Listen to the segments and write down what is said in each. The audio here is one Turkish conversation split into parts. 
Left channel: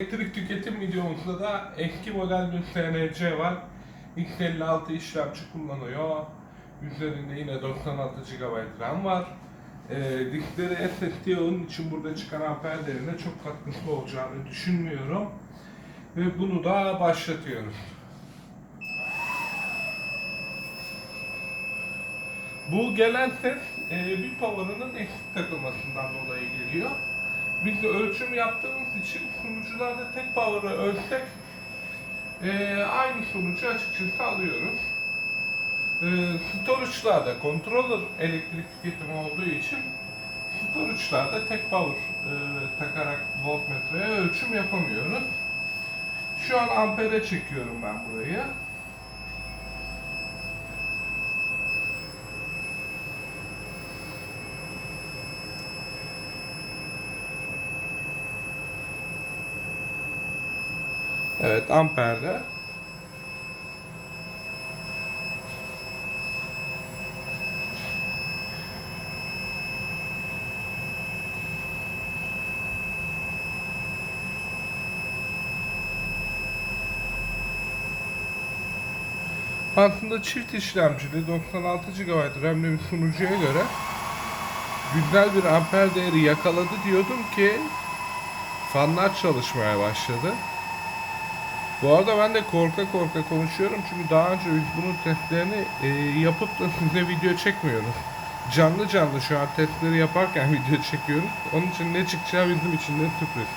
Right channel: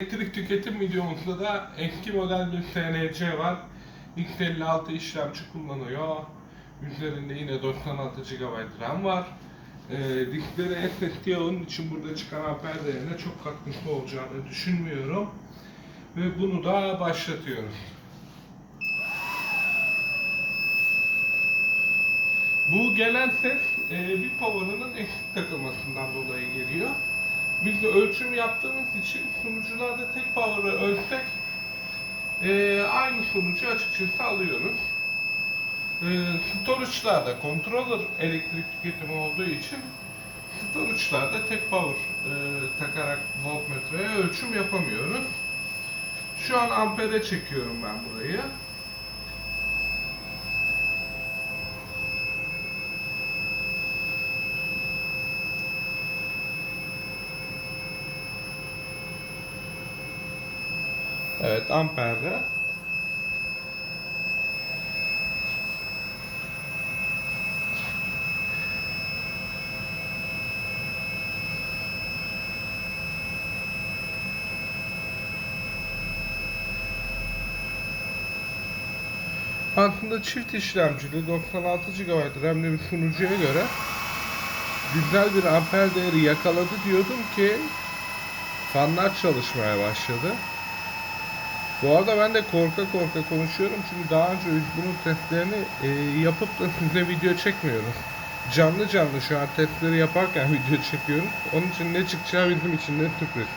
Elektrik tüketim videomuzda da eski model bir TNC var. X56 işlemci kullanıyor. Üzerinde yine 96 GB RAM var. Ee, diskleri SSD onun için burada çıkan amper değerine çok katkısı olacağını düşünmüyorum. Ve bunu da başlatıyorum. Bu gelen ses e, bir power'ının eksik takılmasından dolayı geliyor. Biz de ölçüm yaptığımız için sunucularda tek power'ı ölçsek e, aynı sonucu açıkçası alıyoruz. E, storage'larda controller elektrik tüketimi olduğu için storage'larda tek power e, takarak voltmetreye ölçüm yapamıyoruz. Şu an ampere çekiyorum ben burayı. Evet amperde. Aslında çift işlemcili 96 GB RAM'li bir sunucuya göre güzel bir amper değeri yakaladı diyordum ki fanlar çalışmaya başladı. Bu arada ben de korka korka konuşuyorum çünkü daha önce bunun testlerini e, yapıp da size video çekmiyorum. Canlı canlı şu an testleri yaparken video çekiyorum. Onun için ne çıkacağı bizim için de sürpriz.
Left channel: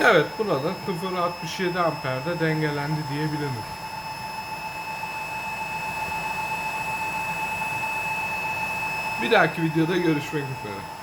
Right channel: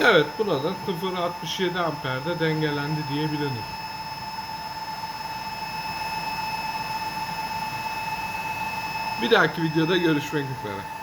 Evet buna da 0.67 amperde dengelendi diyebiliriz. Bir dahaki videoda görüşmek üzere.